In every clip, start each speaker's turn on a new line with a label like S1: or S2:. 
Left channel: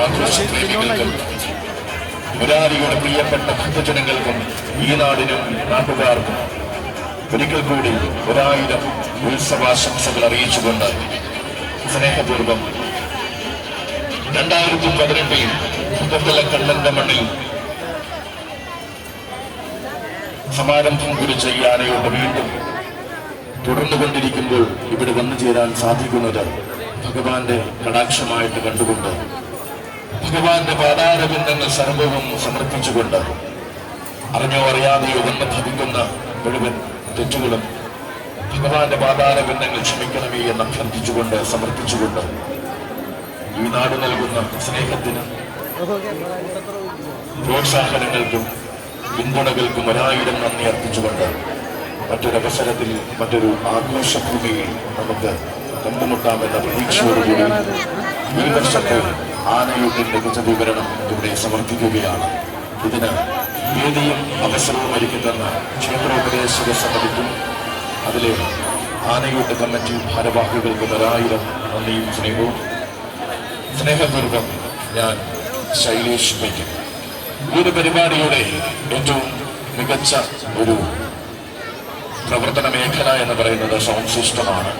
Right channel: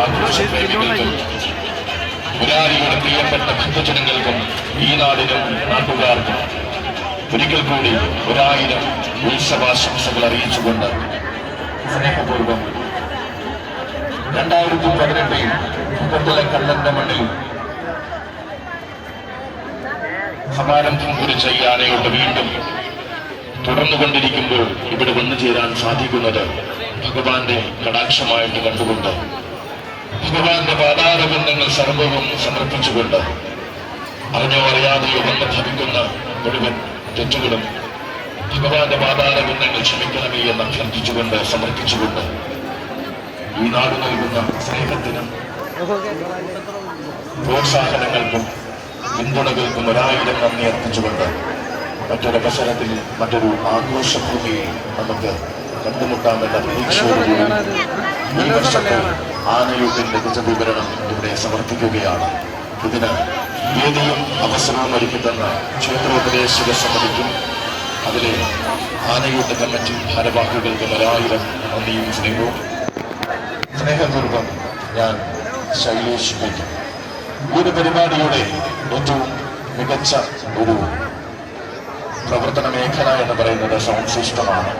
S1: ആഘോഷപ്രേമികൾക്കും മുരാരിയുടെ പ്രിയപ്പെട്ട ഭക്തജനങ്ങൾക്കും ഈ നാടിനും നാട്ടുകാർക്കും ഒരിക്കൽ കൂടി ഒരായിരം ഉത്സവാശംസകൾ അറിയിച്ചുകൊണ്ട് സ്നേഹപൂർവം രണ്ടായിരത്തി പതിനെട്ടിൽ മുപ്പത്തിലെ കണ്ണന്റെ മണ്ണിൽ സമാരംഭം കുറിച്ച ഈ ആനയോട് വീണ്ടും തുടർന്നുകൊണ്ടിരിക്കുമ്പോൾ ഇവിടെ വന്നു ചേരാൻ സാധിക്കുന്നത് ഭഗവാന്റെ കടാക്ഷമായിട്ട് കണ്ടുകൊണ്ട് ഭഗവാന്റെ പാതാരബന്ധങ്ങൾ സർവവും സമർപ്പിച്ചുകൊണ്ട് അറിഞ്ഞോ അറിയാതെയോ വന്ന് ഭവിക്കുന്ന മുഴുവൻ തെറ്റുകളും ഭഗവാന്റെ പാതാരബന്ധങ്ങൾ ക്ഷമിക്കണമേ എന്ന് അഭ്യർത്ഥിച്ചുകൊണ്ട് സമർപ്പിച്ചുകൊണ്ട് ഈ നാട് നൽകുന്ന സ്നേഹത്തിനും പ്രോത്സാഹനങ്ങൾക്കും പിന്തുണകൾക്കും ഒരായിരം നന്ദി അർപ്പിച്ചുകൊണ്ട് മറ്റൊരവസരത്തിൽ മറ്റൊരു ആഘോഷഭൂമിയിൽ നമുക്ക് കണ്ടുമുട്ടാമെന്ന പ്രതീക്ഷയോടുകൂടി ഈ വർഷത്തെ ലഭിച്ച വിവരണം ഇവിടെ സമർപ്പിക്കുകയാണ്. ഇതിന് വേദിയും അവസരവും ഒരുക്കുന്ന ക്ഷേത്രോപദേശക സമിതിക്കും അതിലെ ആനയൂട്ട് കമ്മിറ്റി ഭാരവാഹികൾക്ക് ഒരായിരം നന്ദിയും സ്നേഹവും. സ്നേഹപൂർവം ഞാൻ ശൈലേഷ് പറ്റും ഒരു പരിപാടിയുടെ ഏറ്റവും മികച്ച ഒരു പ്രവർത്തന മേഖല എന്ന് പറയുന്നത് സൗണ്ട് സിസ്റ്റമാണ്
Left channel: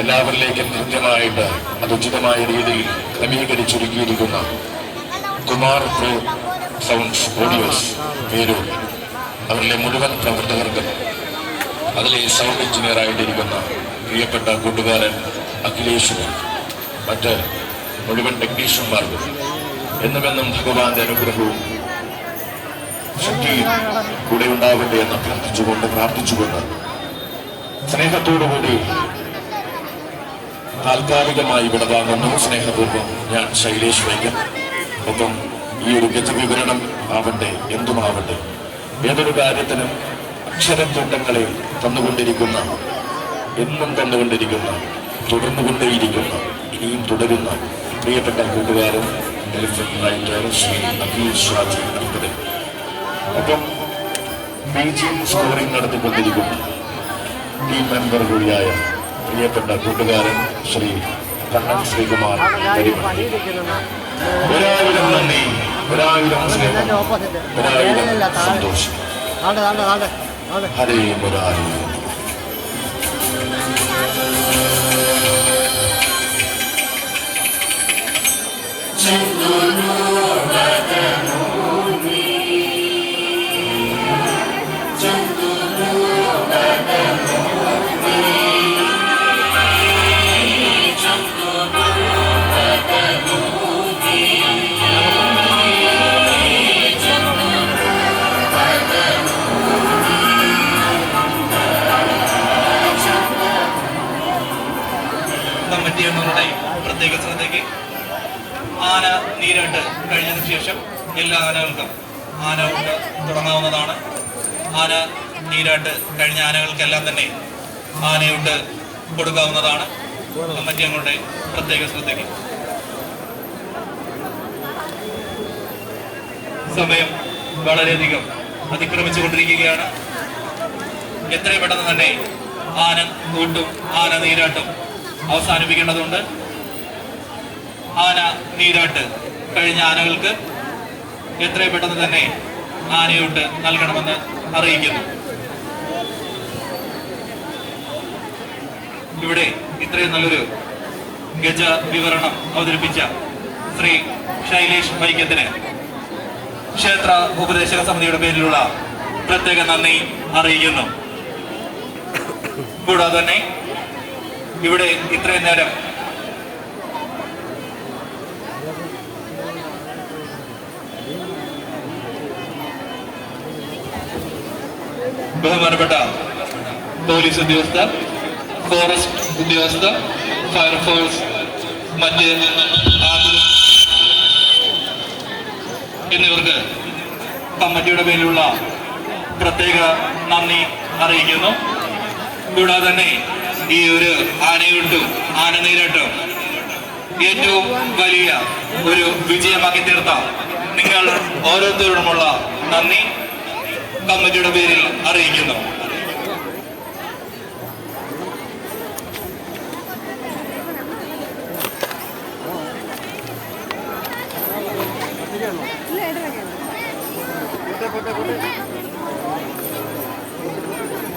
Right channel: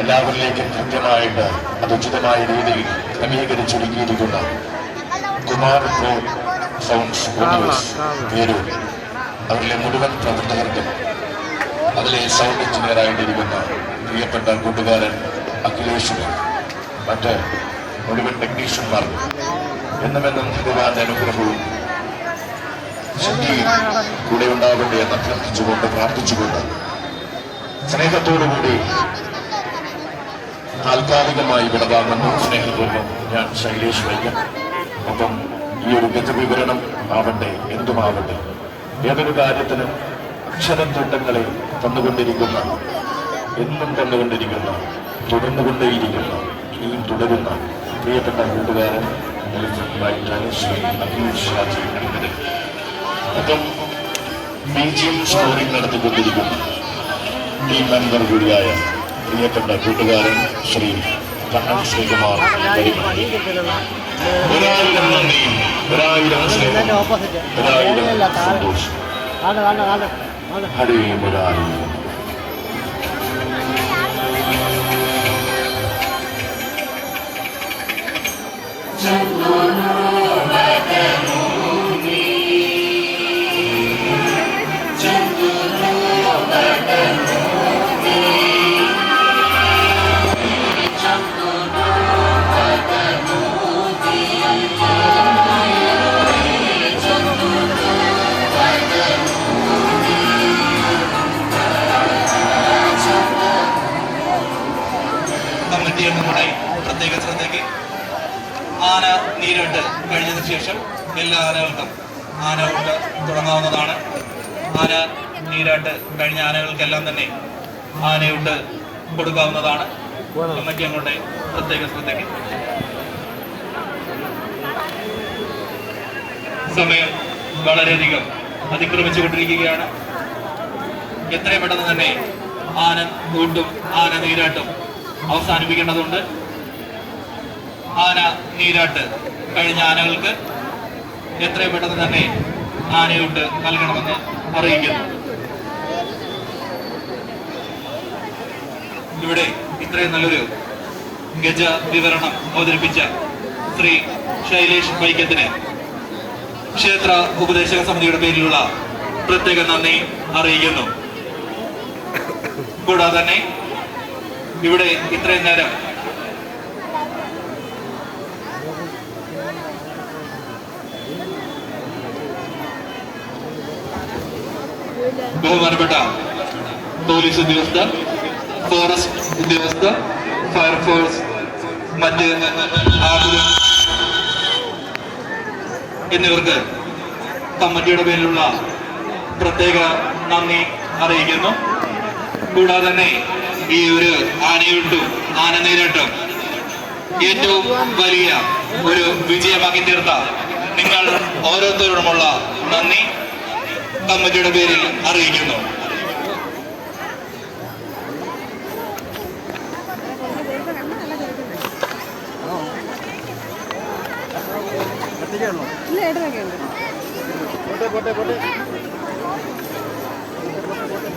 S1: എല്ലാവരിലേക്കും കൃത്യമായിട്ട് അത് ഉചിതമായ രീതിയിൽ ക്രമീകരിച്ചൊരുക്കിയിരിക്കുന്ന കുമാർ പ്രോ സൗണ്ട്സ് ഓഡിയോസ് പേര് അവരിലെ മുഴുവൻ പ്രവർത്തകർക്കും അതിലെ സൗണ്ട് എഞ്ചിനീയറായിട്ടിരിക്കുന്ന പ്രിയപ്പെട്ട കൂട്ടുകാരൻ അഖിലേഷും മറ്റ് മുഴുവൻ ടെക്നീഷ്യന്മാർക്കും എന്നുമെന്നും ഭഗവാന്റെ അനുഗ്രഹവും ശക്തിയും കൂടെ ഉണ്ടാവട്ടെ എന്ന് അഭ്യർത്ഥിച്ചുകൊണ്ട് പ്രാർത്ഥിച്ചുകൊണ്ട് സ്നേഹത്തോടുകൂടി താൽക്കാലികമായി വിടവാങ്ങുന്നു. സ്നേഹപൂർവം ഞാൻ ശൈലേഷ് വൈദ്യൻ ഒപ്പം ഈ ഒരു ഗജവിവരണം ആവട്ടെ എന്തുമാവട്ടെ. ഏതൊരു കാര്യത്തിനും അക്ഷരത്തോട്ടങ്ങളെ തന്നുകൊണ്ടിരിക്കുന്ന എന്നും തന്നുകൊണ്ടിരിക്കുന്ന തുടർന്നുകൊണ്ടേയിരിക്കുന്ന ഇനിയും തുടരുന്ന പ്രിയപ്പെട്ട കൂട്ടുകാരൻ ശ്രീ അഖിൽ അടുത്തത്. ഒപ്പം B G M scoring team member കൂടിയായ പ്രിയപ്പെട്ട കൂട്ടുകാരൻ ശ്രീ കണ്ണൻ ശ്രീകുമാർ പരിപാടി ഒരായിരം നന്ദി ഒരായിരം സ്നേഹം ഒരായിരം സന്തോഷം
S2: ആണ്ട് ആണ്ട് ആണ്ട് ആണ്ട്
S1: ഹരേ
S3: ശ്രദ്ധയ്ക്ക് ആന നീരിട്ട് കഴിഞ്ഞതിന് ശേഷം എല്ലാ ആനകൾക്കും ആന കൊണ്ട് തുടങ്ങാവുന്നതാണ്. ആന നീരാട്ട് കഴിഞ്ഞ ആനകൾക്കെല്ലാം തന്നെ ആനയുണ്ട് കൊടുക്കാവുന്നതാണ്. കമ്മിറ്റി പ്രത്യേക ശ്രദ്ധയ്ക്ക്. സമയം വളരെയധികം അതിക്രമിച്ചുകൊണ്ടിരിക്കുകയാണ്. എത്രയും പെട്ടെന്ന് തന്നെ ആന കൂട്ടും ആന നീരാട്ടും അവസാനിപ്പിക്കേണ്ടതുണ്ട്. ആന നീരാട്ട് കഴിഞ്ഞ ആനകൾക്ക് എത്രയും പെട്ടെന്ന് തന്നെ ആനയോട്ട് നൽകണമെന്ന് അറിയിക്കുന്നു. ഇവിടെ ഇത്രയും നല്ലൊരു ഗജ വിവരണം അവതരിപ്പിച്ച ശ്രീ ശൈലേഷ് വൈക്കത്തിന് ക്ഷേത്ര ഉപദേശക സമിതിയുടെ പേരിലുള്ള പ്രത്യേക നന്ദി അറിയിക്കുന്നു. കൂടാതെ തന്നെ ഇവിടെ ഇത്രയും നേരം ബഹുമാനപ്പെട്ട പോലീസ് ഉദ്യോഗസ്ഥർ ഫോറസ്റ്റ് ഉദ്യോഗസ്ഥർ ഫയർഫോഴ്സ് മറ്റ് എന്നിവർക്ക് കമ്മിറ്റിയുടെ പേരിലുള്ള പ്രത്യേക നന്ദി അറിയിക്കുന്നു. കൂടാതെ തന്നെ ഈ ഒരു ആനയുണ്ടും ആന നീരട്ടും ഏറ്റവും വലിയ ഒരു വിജയമാക്കി തീർത്ത. നിങ്ങൾ ഓരോരുത്തരോടുമുള്ള നന്ദി. കമ്മിറ്റിയുടെ പേരിൽ അറിയിക്കുന്നു.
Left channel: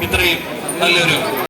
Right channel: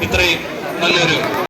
S3: ഇത്രയും നല്ലൊരു